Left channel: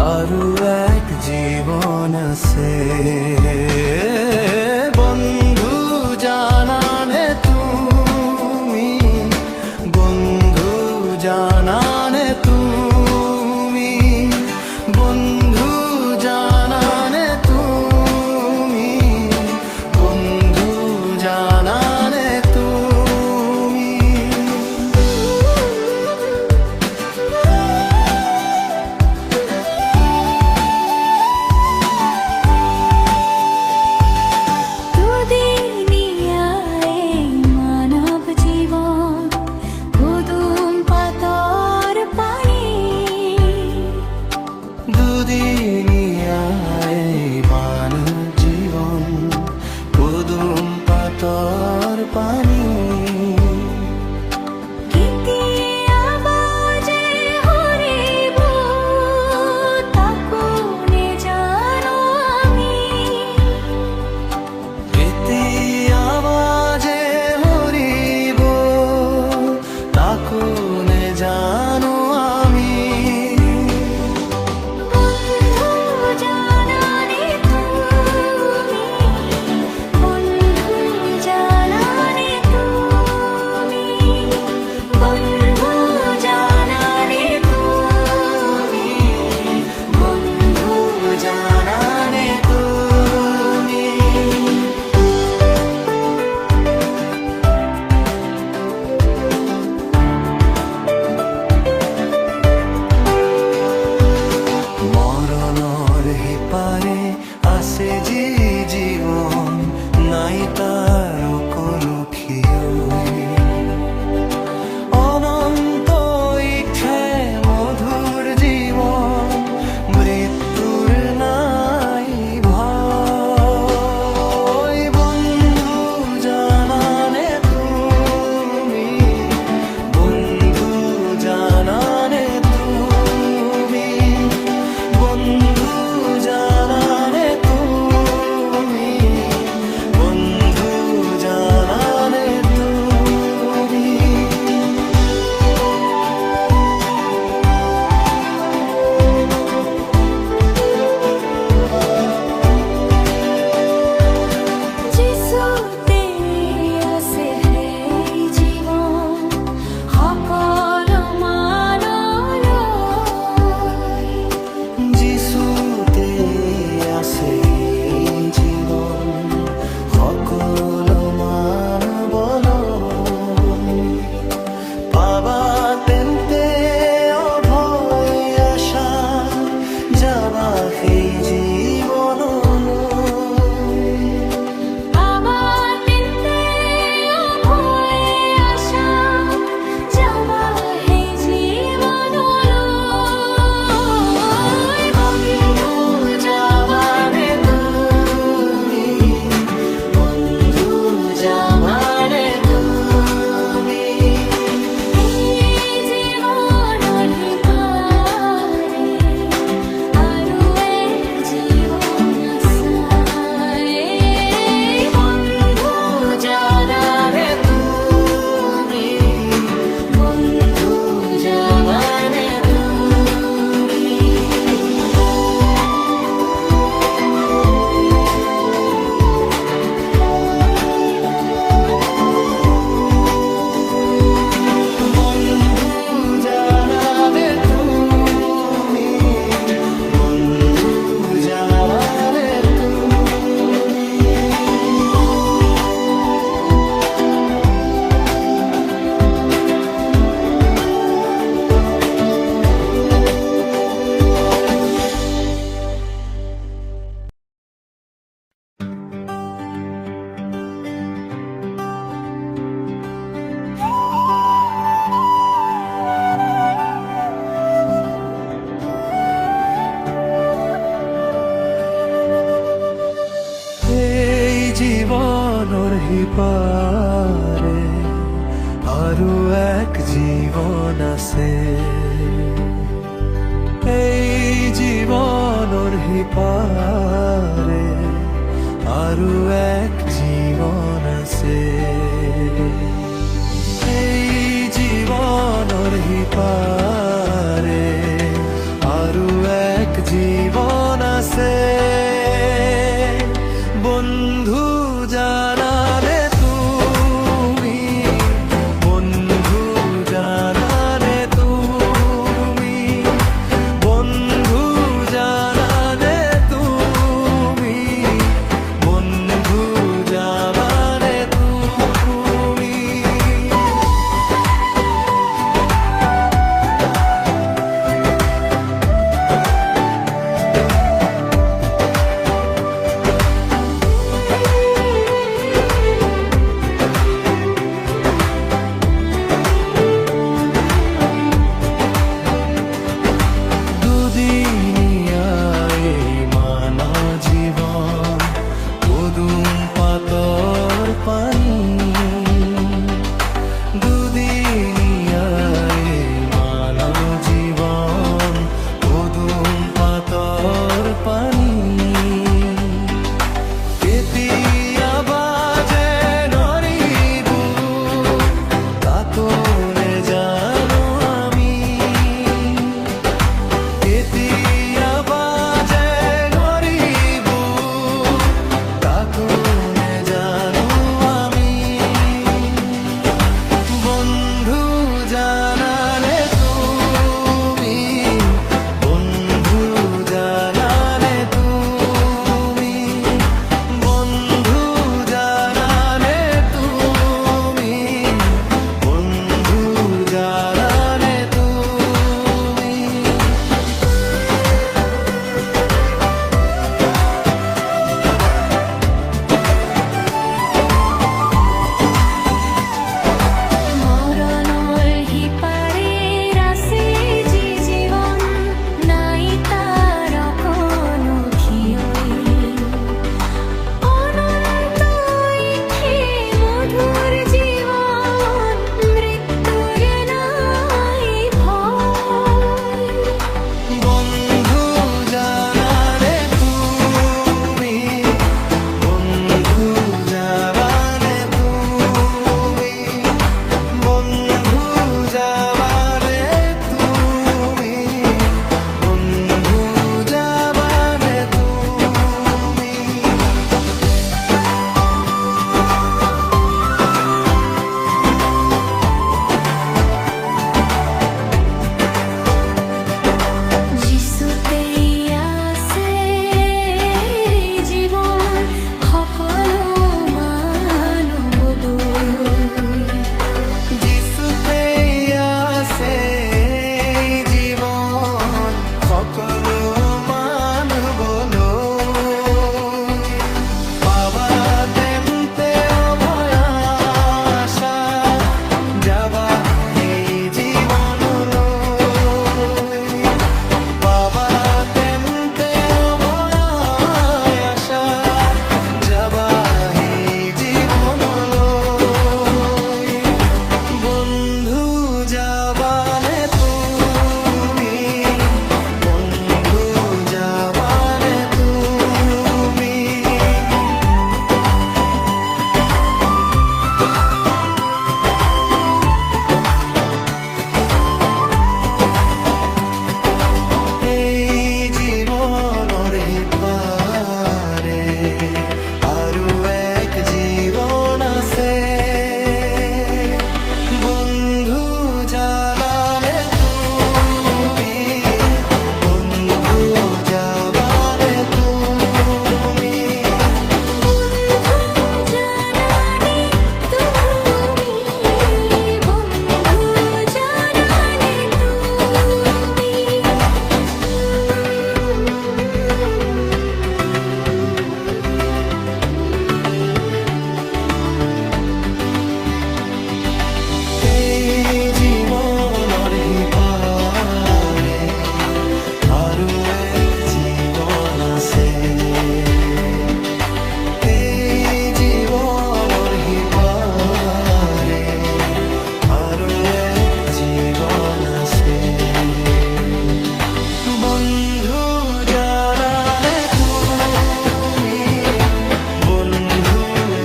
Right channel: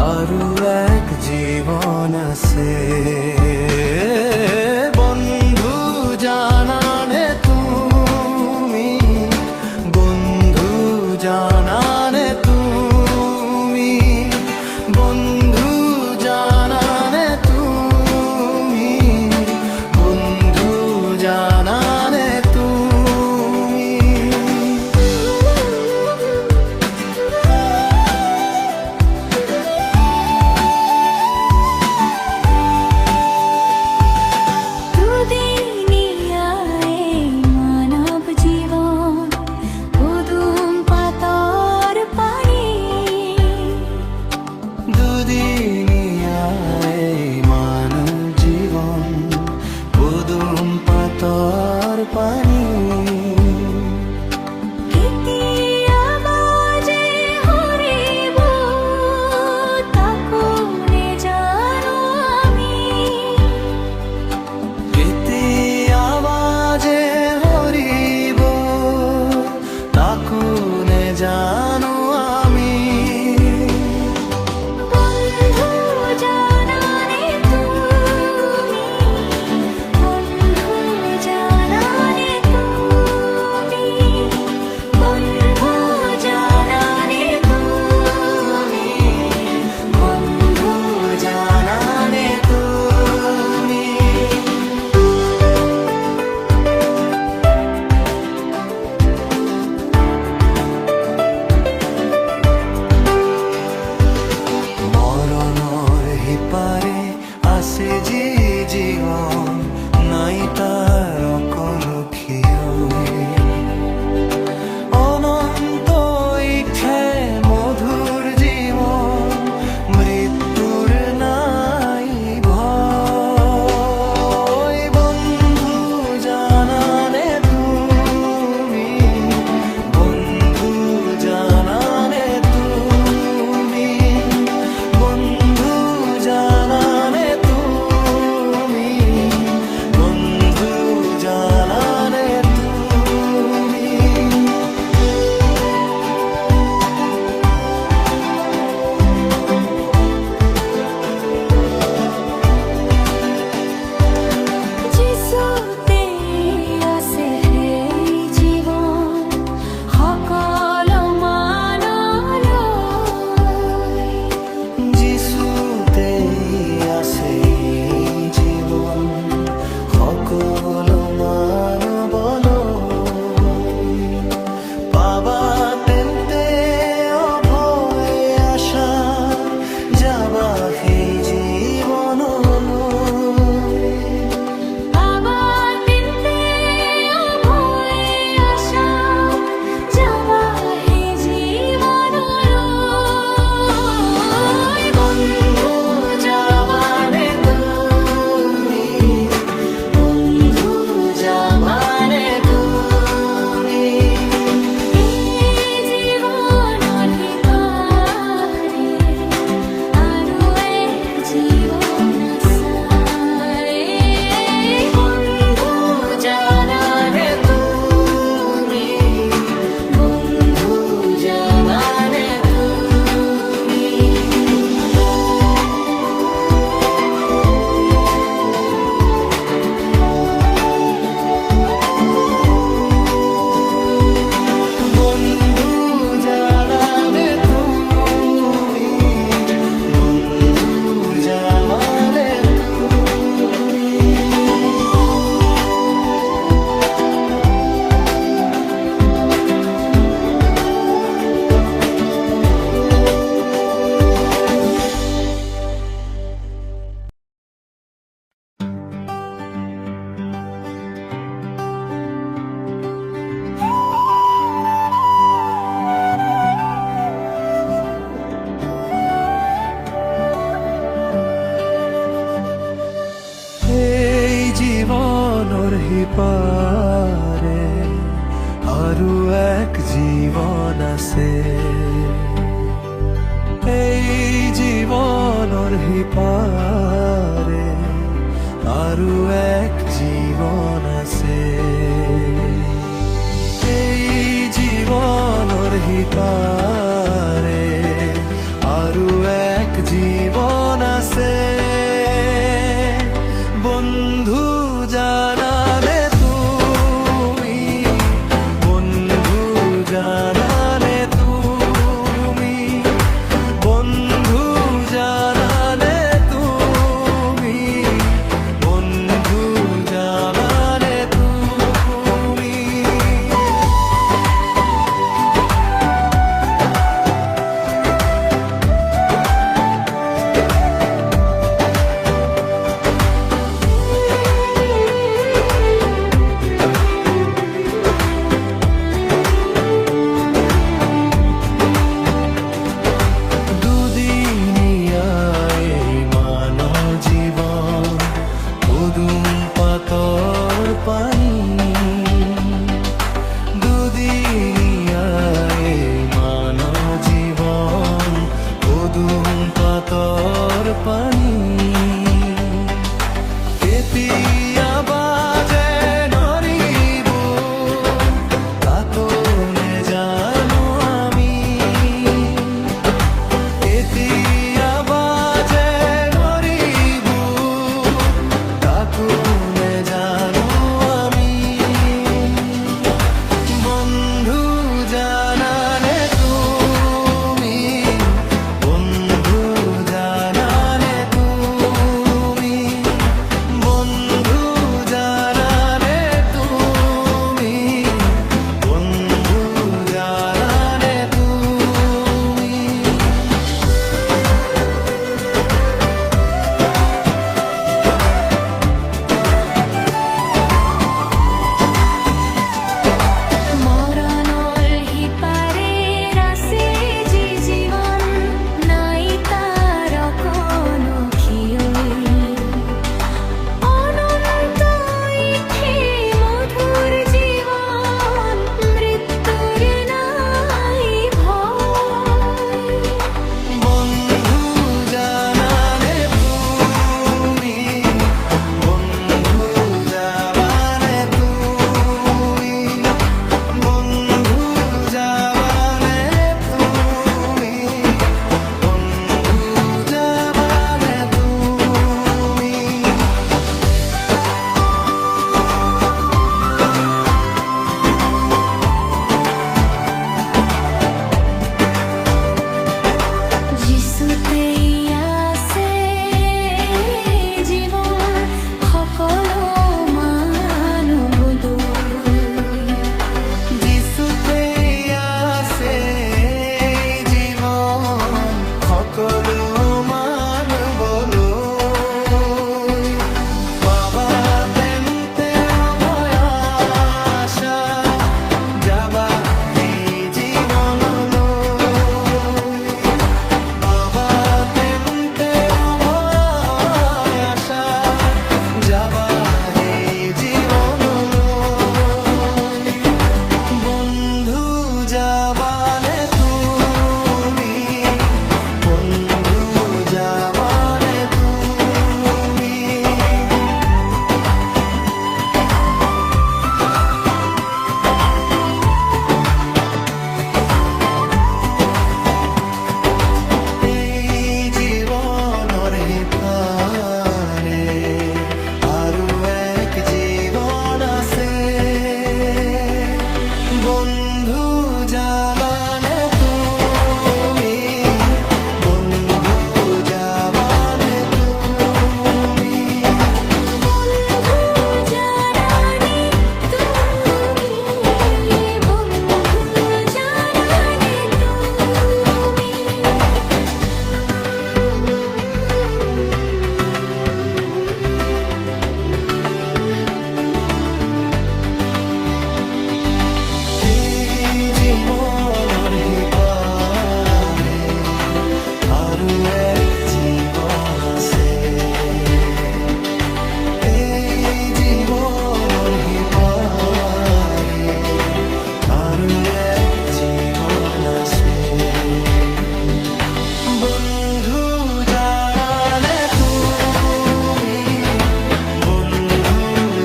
আৰু এক জীৱন আছে। বন্ধু জানানে তুমি, বন্ধু জানানে তুমি, বন্ধু জানানে তুমি, বন্ধু জানানে তুমি। দুদিনিয়ায় মানব জীবন পুদুম পাতর পানি। কেতি আওয়াজে হরিব তাকুনে জানো আমি। মরণর হিপারে আছে যি জীবন, নাই তার কোনো ক্ষয়। অনন্ত ইচ্ছে মধুর জীবন, মৃত্যুর নাই ভয়। বন্ধু জানানে তুমি, বন্ধু জানানে তুমি, বন্ধু জানানে তুমি, বন্ধু জানানে তুমি। যিশুতে আছে সেই জীবন, সকলো মানলৈ। যিশুতে আছে জীবন, সকলো মানৱলৈ। পাবা তেন্তে অভয় আশা, যাবা সেই জীৱনলৈ। বন্ধু জানানে তুমি, বন্ধু জানানে তুমি। জীবনৰ সিপাৰে আৰু এক জীৱন আছে। এই জীৱনৰ সিপাৰে আৰু এক জীৱন আছে। এই জীৱনৰ সিপাৰে আরো এক জীবন আছে। বন্ধু জানালে তুমি, বন্ধু জানালে তুমি, বন্ধু জানালে তুমি, বন্ধু জানালে তুমি। দুদিনিয়ায় মানব জীবন পদুম পাতর পানি। দুদিনিয়ায় মানব জীবন পদুম পাতর পানি। কেতিয়া বাজে নরিবু কাকনে জানো আমি। কেতিয়া বাজে নরিবু কাকনে জানো আমি। বন্ধু জানালে তুমি, বন্ধু জানালে তুমি, বন্ধু জানালে তুমি, বন্ধু জানালে তুমি। মরণৰ সিপাৰে আছে যি জীৱন, নাই তাৰ কোনো ক্ষীয়ৈ। অনন্ত ইঠে মধুৰ জীৱন, মৃত্যুৰ নাই ভয়। বন্ধু জানালে তুমি, বন্ধু জানালে তুমি, বন্ধু জানালে তুমি, বন্ধু জানালে তুমি। যিচুতেই আছে জীৱন, সকলো মানৱলৈ। যিচুতে আছে জীৱন সকলো মানৱলৈ। পাবা তেন্তে অভয় আশা, যাবা সেই জীৱনলৈ। পাবা তেন্তে অভয় আশা, যাবা সেই জীৱনলৈ। বন্ধু যাবানে তুমি, বন্ধু যাবানে তুমি। এই জীৱনৰ সিপাৰে আৰু এক জীৱন আছে। বন্ধু জানালে তুমি, বন্ধু যাবানে তুমি, বন্ধু জানালে তুমি, বন্ধু জানালে তুমি। এই জীৱনৰ সিপাৰে আৰু এক জীৱন আছে। এই জীৱনৰ সিপাৰে আৰু এক জীৱন আছে। বন্ধু জানালে তুমি, বন্ধু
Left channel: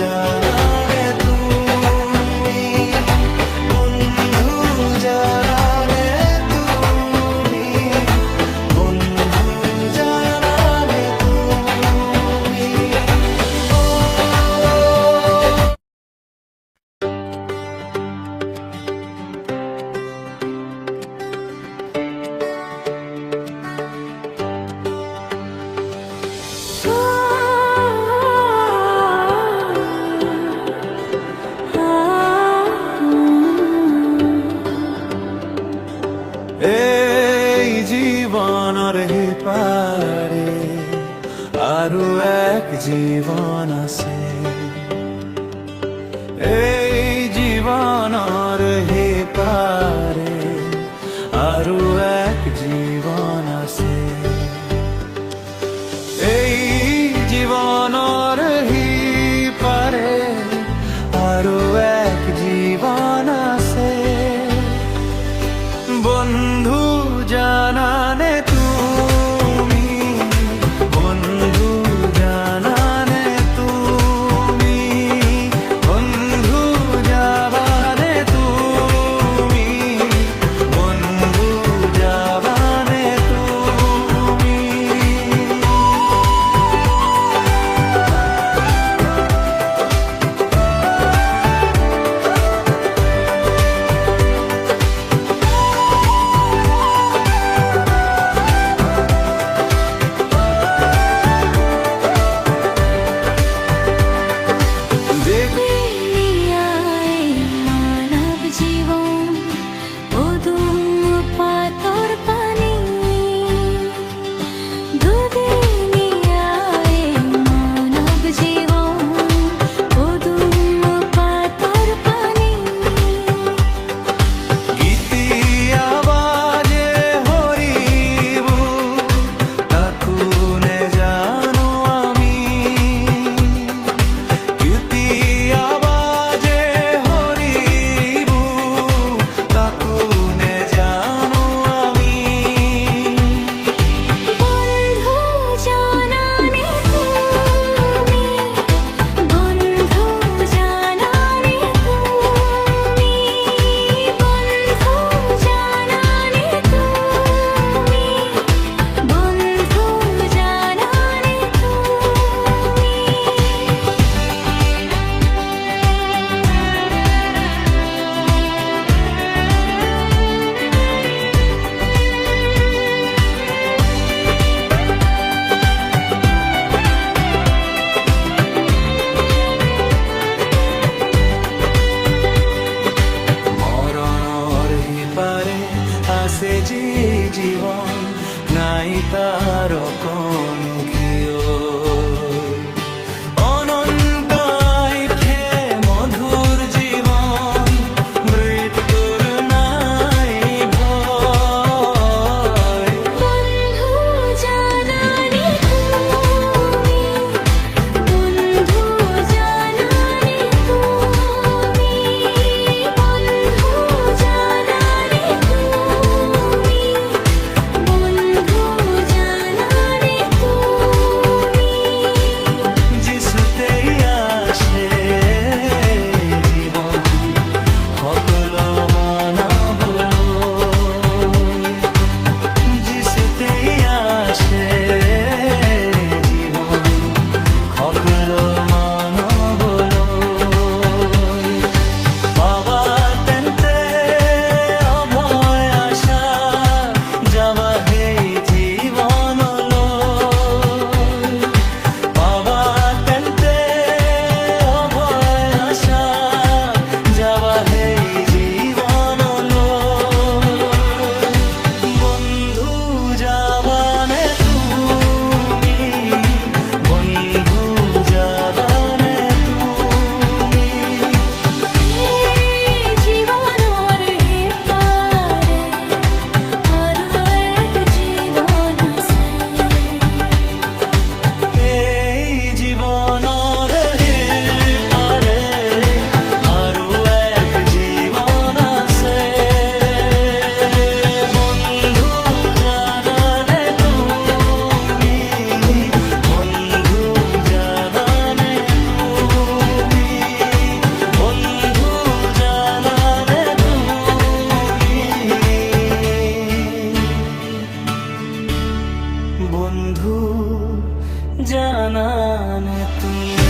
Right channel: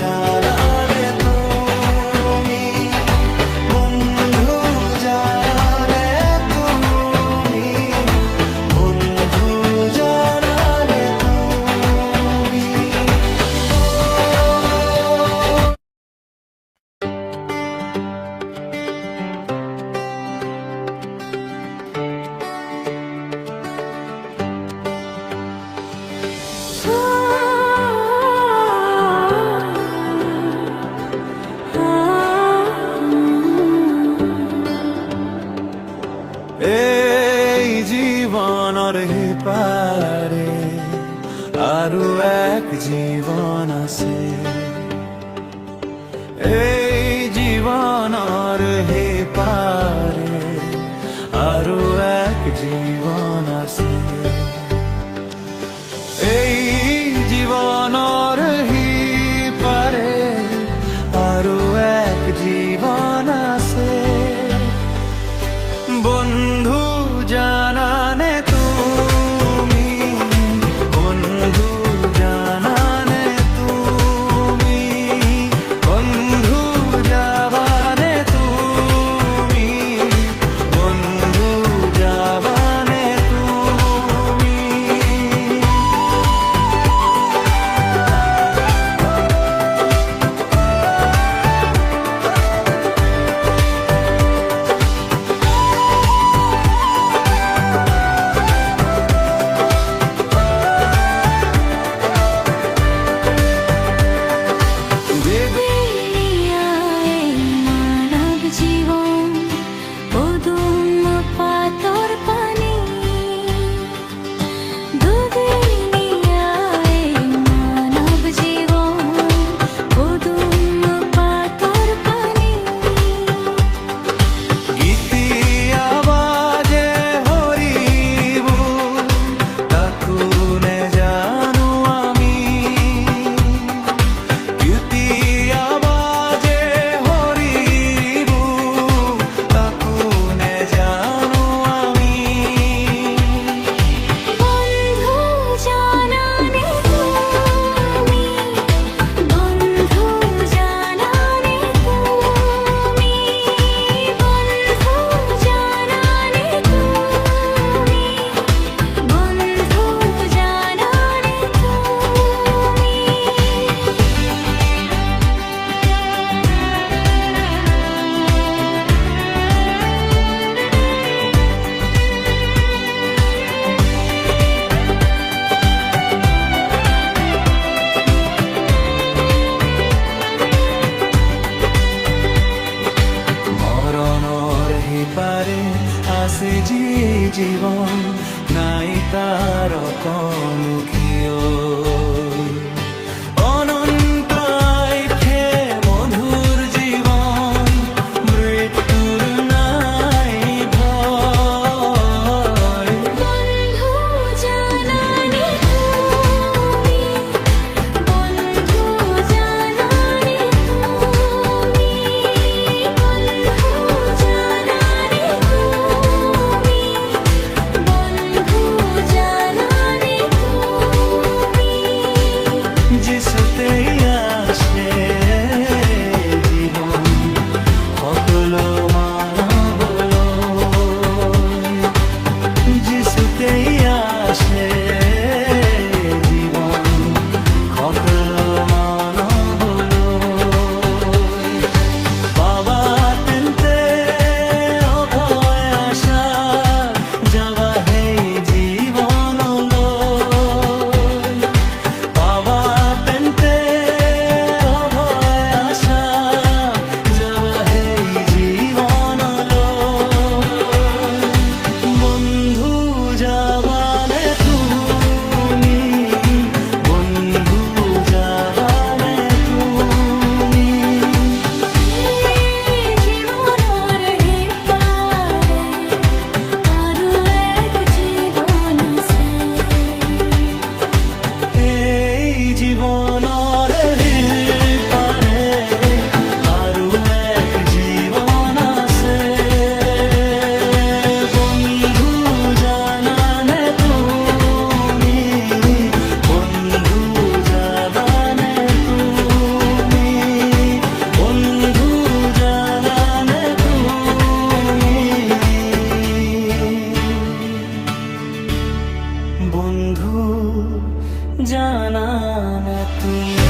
জানালে তুমি, বন্ধু জানালে তুমি, বন্ধু পারে আরো এক জীবন আছে, এই জীবনৰ হে পারে আরো এক জীবন আছে, এই জীবনৰ হি পারে আরো এক জীবন আছে। বন্ধু জানানে তুমি, বন্ধু জানানে তুমি, বন্ধু যাবানে তুমি, বন্ধু যাবানে তুমি। দুনিয়ায় মানব জীবন অদম্য পাথর পানি, দুনিয়ায় মানব জীবন অদম্য পাথর পানি। গীতি আবাজে হরিব তাকু নে জানো আমি, গীতি আবাজে হরিব তাকু নে জানো আমি। বন্ধু জানানে তুমি, বন্ধু জানানে তুমি, বন্ধু জানানে তুমি, বন্ধু জানানে মরণৰ সিপাৰে আছে যি জীৱন, নাই তাৰ কোনো ক্ষয়, অনন্ত আইফে মধুৰ জীৱন, মৃত্যুৰ নাই ভয়। বন্ধু জানানে তুমি, বন্ধু জানানে তুমি, বন্ধু জানানে তুমি, বন্ধু জানানে তুমি। যিচুতেই আছে জীৱন সকলো মানৱলৈ, যিচুতেই আছে জীৱন সকলো মানৱলৈ। পাবা তেন্তে অভয় আশা, যাবা সেই জীৱনলৈ, পাবা তেন্তে অভয় আশা, যাবা সেই জীৱনলৈ। বন্ধু যাবানে তুমি, বন্ধু যাবানে তুমি। এই জীবনৰ হে পারে আরো এক জীবন আছে, এই জীৱনৰ পাৰে আৰু এক জীৱন আছে। বন্ধু জানানে তুমি, বন্ধু যাবানে তুমি, বন্ধু জানানে তুমি, বন্ধু জানানে তুমি।